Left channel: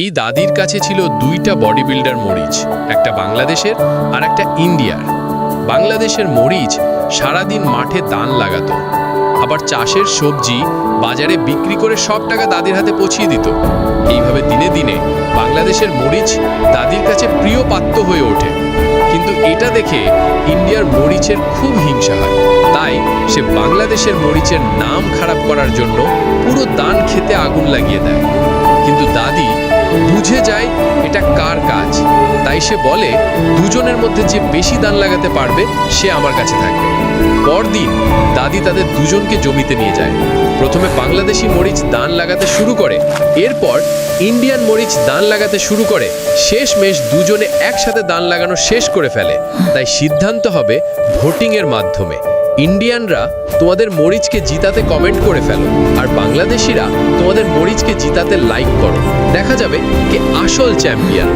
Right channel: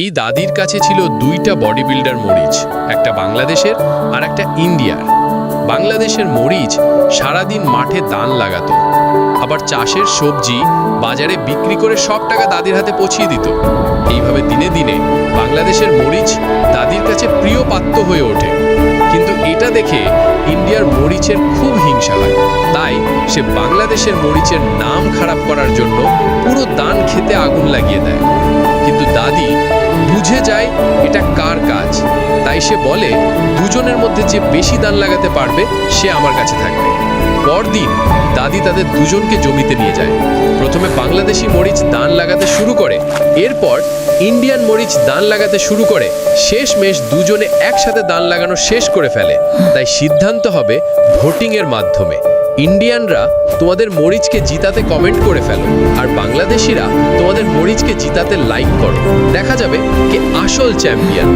এই দাদির কাছে ছিল দুইটা বডি বিল্ডার মরিচ, একটা বাংলাদেশের আর একটা ইন্ডিয়ার। বাংলাদেশের মরিচ সারাদিন মাঠে দান লাগাতো, আবার চাষের সবজি বাজারে বিক্রি করে সব টাকা দাদির হাতে পৌঁছিয়ে দিত। এইভাবে দিনে দিনে বাংলাদেশের মরিচ দাদির কাছে প্রিয় পাত্র হয়ে ওঠে। কিন্তু এটা দেখে ইন্ডিয়ার মরিচের খুব হিংসা হয়, তাই সে বাংলাদেশের মরিচের নাম খারাপ করার জন্য পুরো দান খেতে আগুন লাগিয়ে দেয়। কিন্তু দাদি বুঝে যায় এটা কার কাজ, তাই সে বলে দুজনের মধ্যে যে বেশি দান লাগাতে পারবে সে আমার কাছে থাকবে। পরদিন দাদি তাদের দুজনকে জমিতে নিয়ে যায়। প্রথমে বাংলাদেশি মরিচ দান লাগাতে শুরু করে, এরপর ইন্ডিয়ান মরিচ দান লাগাতে শুরু করে। শেষমেশ দুজনে একসাথে দান লাগানো শেষ করে ফেলে। তাই সিদ্ধান্ত হবে ভোটিংয়ের মাধ্যমে। ইন্ডিয়ানরা তোমাদের মরিচকে জিতাতে কমেন্ট করে ফেলো, আর বাংলাদেশিরা তোমাদের মরিচকে জিতাতে লাইক করো। দেখা যাবে কে আসল চ্যাম্পিয়ন।